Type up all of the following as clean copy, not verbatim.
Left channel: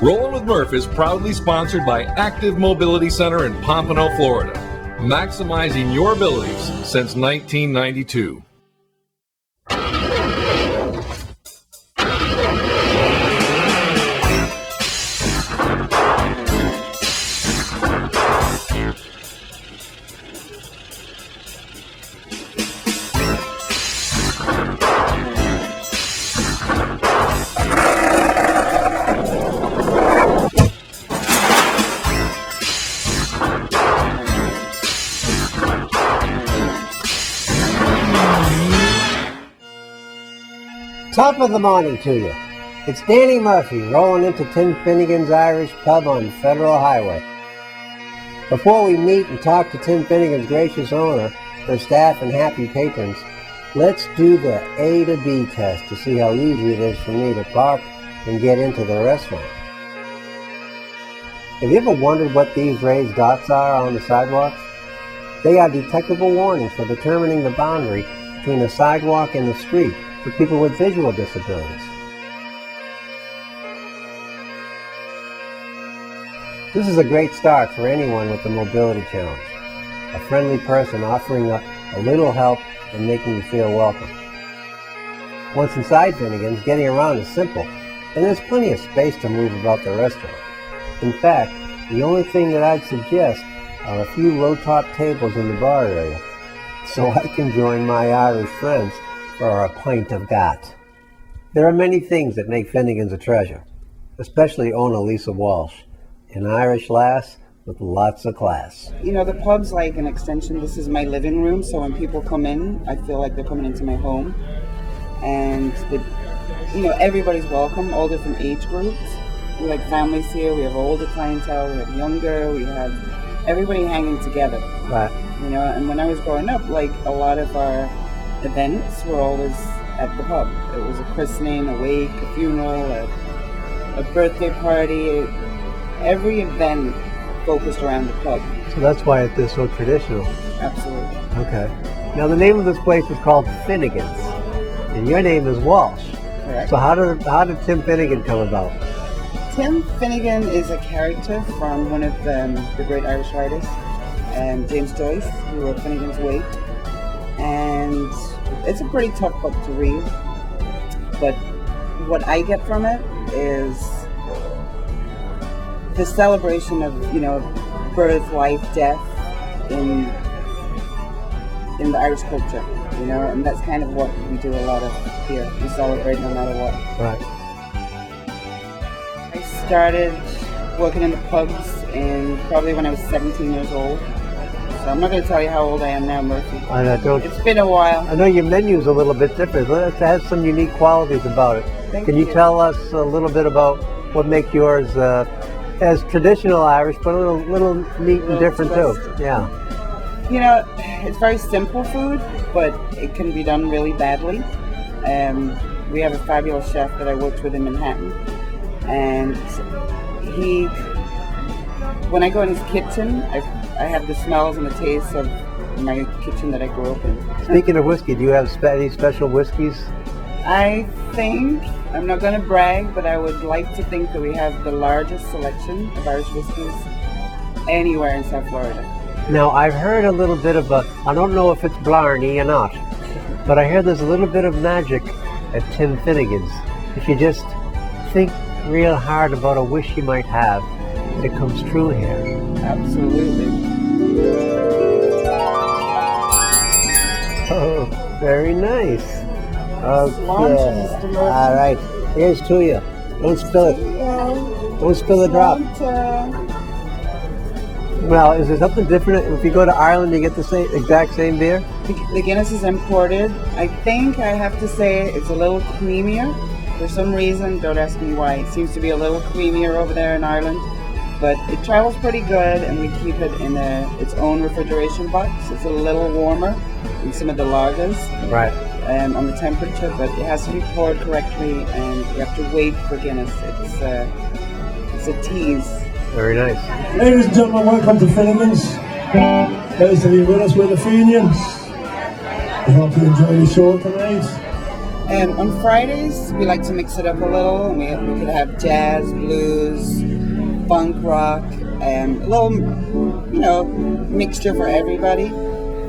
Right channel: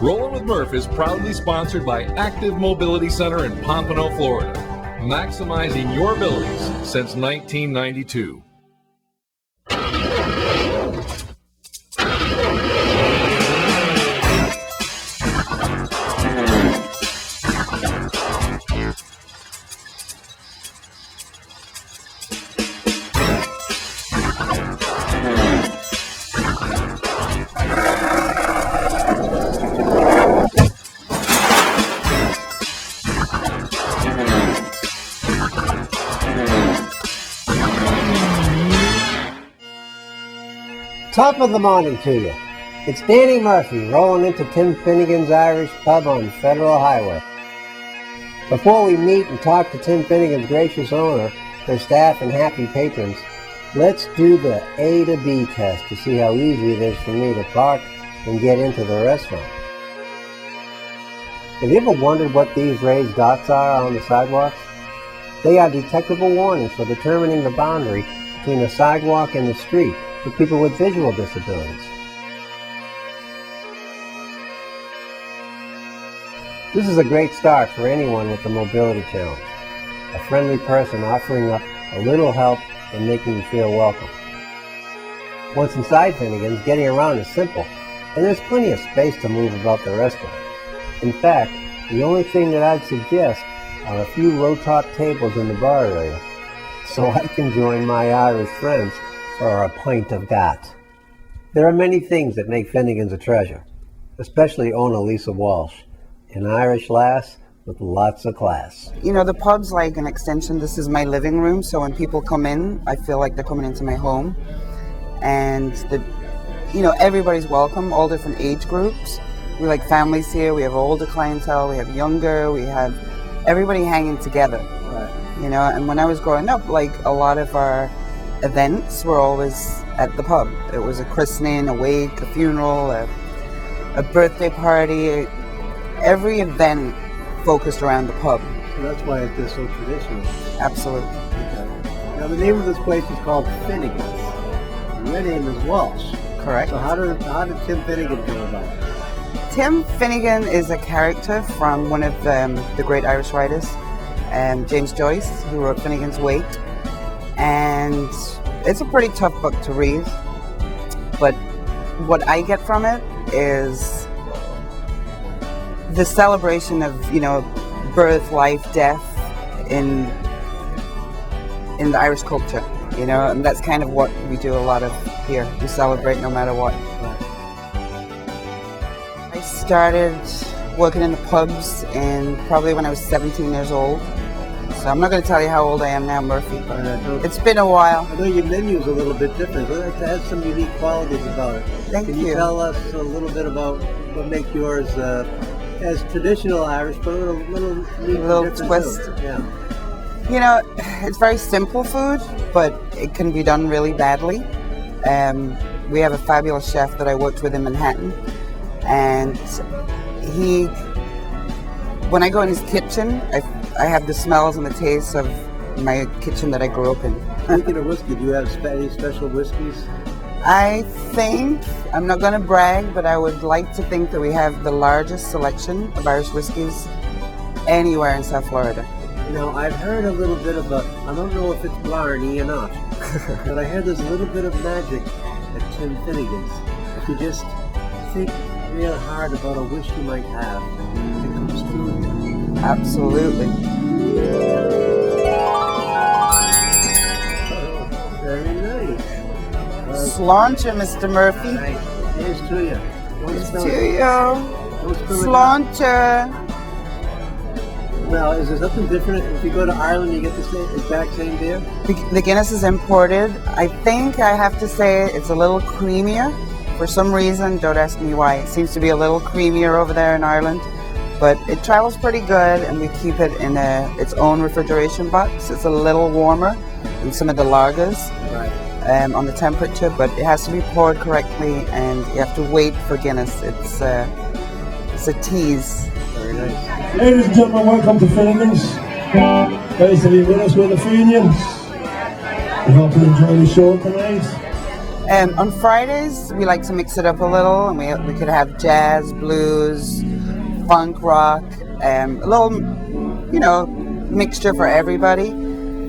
Rollin' with Murph is proudly sponsored by Active Mobility Center in Pompano, Florida, maximizing your abilities since 1992. Top of the morning to you. It's Danny Murphy rolling into Tim Finnegan's Irish Pub on Federal Highway. Before we meet and talk to Tim Finnegan's gracious owner, their staff and happy patrons, let's do the A to B test to see how easy it is for me to park and get into the restaurant. Have you ever wondered what these raised dots are on the sidewalks? They are detectable warnings for determining the boundary between the sidewalk and the street for people with visual disabilities. This is a great start for anyone with a mobility challenge. A friendly person offering up a little help and making you feel welcome. Once inside Finnegan's, getting around is simple, and there's plenty of space to move about the restaurant. In fact, the only thing that I'd suggest are a few low-top tables in the bar area, so I can join my Irish friends for a pint of gat. There are many things that make Finnegan's a treasure, especially owner Lisa Walsh, an Irish lass with lots of class. You know, the pub's like an extension. This is my living room, so when people come in, I feel like they're coming into my home. And, everybody's welcome, all different age groups. We like families here, we have older clientele, we have younger, we have everybody hanging together. Right. And when I was growing up, like a lot of our events were always at the pub. It was a christening, a wake, a funeral, a birthday party. Every event focused around the pub. So that's why it is so traditional. Absolutely. Okay. Now the name of this place is called Finnegans, and your name is Walsh. Correct. So how did Tim Finnegan come about? Tim Finnegan is a character from one of the great Irish writers, James Joyce, who wrote Finnegan's Wake. And it's a pretty tough book to read, but what I get from it is the celebration of, birth, life, death in the Irish culture, and that's kind of what we do a lot of here. We celebrate no matter what. Right. I started working in the pubs probably when I was 17 years old. So I'm not going to tell you how old I am now, Murphy. It's been a while. I know your menu's a little bit different. It has some unique qualities about it. Can you tell us a little bit about what makes yours as traditional Irish, but a little neat and different twist. too? Yeah. It's very simple food, but it can be done really badly. We have a fabulous chef that I worked with in Manhattan, and when I go in his kitchen, I have the smells and the tastes of my kitchen that I grew up in. Speaking of whiskey, do you have any special whiskeys? I think, I'm not going to brag, but I would like to think that we have the largest selection of Irish whiskeys anywhere in South Florida. Now, I've heard a little bit about, I don't know if it's Blarney or not, but I hear there's a little bit of magic at Tim Finnegan's. If you just think real hard about a wish you might have, it comes true here. Absolutely. Oh, very nice. Sláinte, Mr. Murphy. All right, here's to you. Don't spill it. Don't spill it out. Sláinte. Well, is there something different? If you go to Ireland, you get the exact same beer? The Guinness is imported. I think I have to say it's a little creamier. For some reason, don't ask me why. It seems to be a little creamier over there in Ireland. But it travels pretty good, and we keep it in its own refrigeration box. It's a little warmer than some of the lagers. Right. On the temperature, but it has to be poured correctly, and you have to wait for Guinness. It's a tease. Very nice. Ladies and gentlemen, welcome to Finnegans. Nice to be with us with the Fenians. We hope you enjoy the show tonight. And on Fridays, we like to mix it up a little, and we could have jazz, blues, funk, rock, a little, mixture for everybody.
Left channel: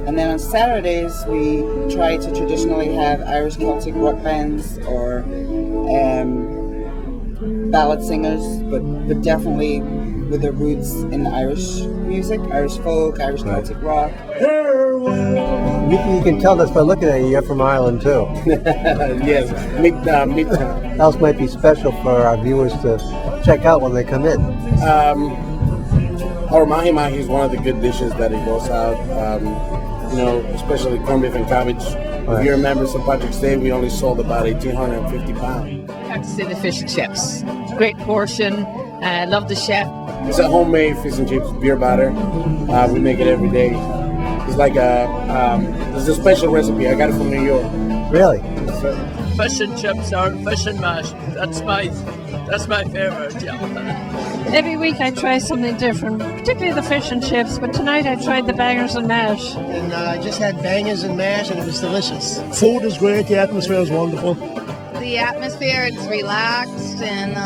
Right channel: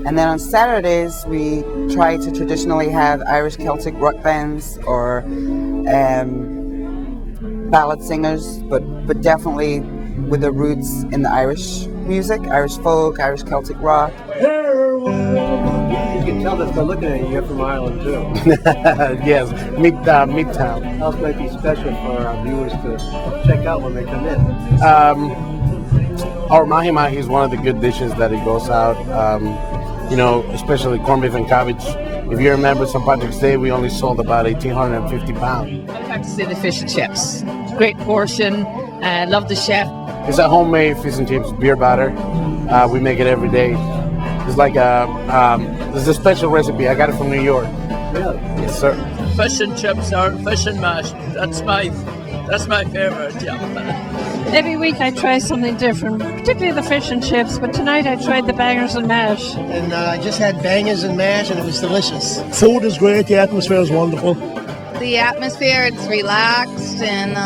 And then on Saturdays, we try to traditionally have Irish Celtic rock bands or ballad singers, but definitely with the roots in the Irish music, Irish folk, Irish Celtic rock. You can tell this by looking at you. You're from Ireland too. Yes, Midtown. Else might be special for our viewers to check out when they come in. Our mahi-mahi is one of the good dishes that it goes out. Especially corned beef and cabbage. If you remember St. Patrick's Day, we only sold about 1,850 pounds. I have to say the fish and chips. Great portion. Love the chef. It's a homemade fish and chips beer batter. We make it every day. It's like it's a special recipe. I got it from New York. Really? Yes, sir. Fish and chips or fish and mash. That's my favorite. Yeah. Every week I try something different, particularly the fish and chips, but tonight I tried the bangers and mash. And I just had bangers and mash, and it was delicious. Food is great, the atmosphere is wonderful. The atmosphere, it's relaxed, and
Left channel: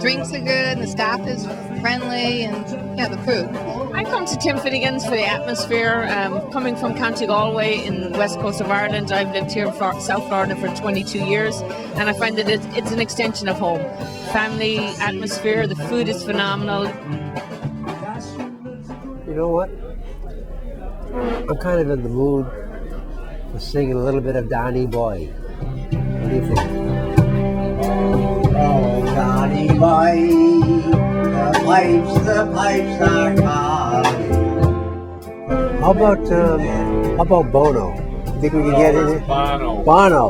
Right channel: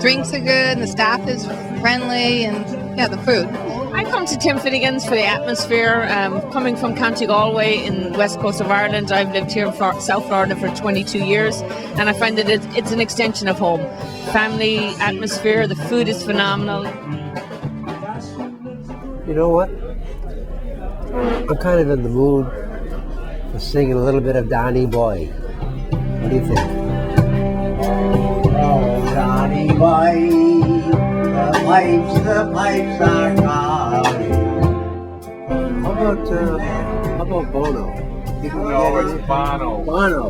drinks are good, and the staff is friendly, and the food. I come to Tim Finnegan's for the atmosphere. Coming from County Galway in the west coast of Ireland, I've lived here in South Florida for 22 years, and I find that it's an extension of home. Family atmosphere, the food is phenomenal. You know what? I'm kind of in the mood for singing a little bit of Donny Boy. What do you think? Oh, Johnny Boy, the pipes are calling. How about Bono? Think we can get it? Bono. Bono.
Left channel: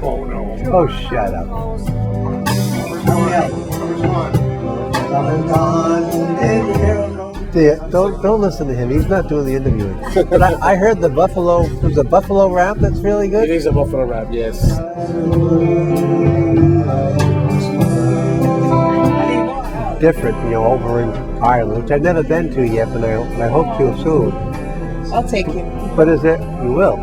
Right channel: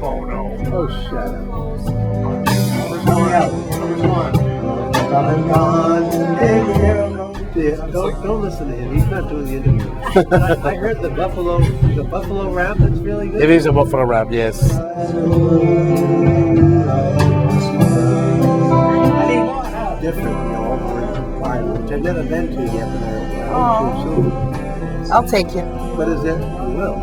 Oh no. Oh, shut up. Don't listen to him. He's not doing the interview. But I heard the buffalo. There's a buffalo rap that's really good. It is a buffalo wrap, yes. Different, over in Ireland, which I've never been to yet, but I hope to soon. I'll take you. What is it? You will.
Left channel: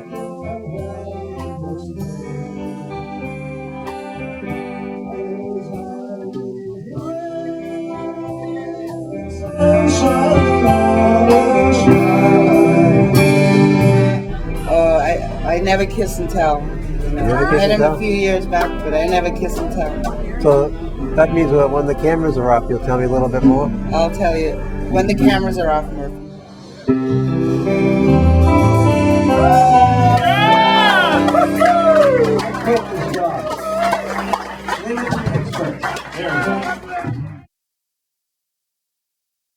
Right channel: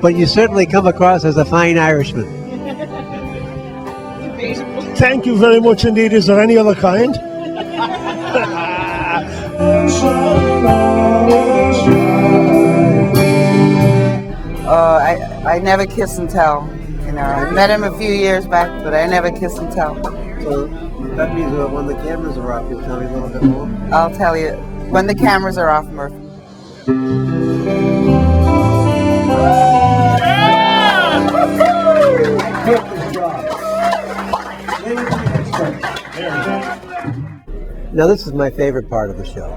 But you certainly come across as a fine Irishman. Thank you very much indeed. Is there any other kind? I never kiss and tell. I met him a few years back, but I never kiss and tell. So that means that when the cameras are off, you'll tell me a little bit more? I'll tell you when the cameras are off, Murphy. Now this is my favorite part of the show.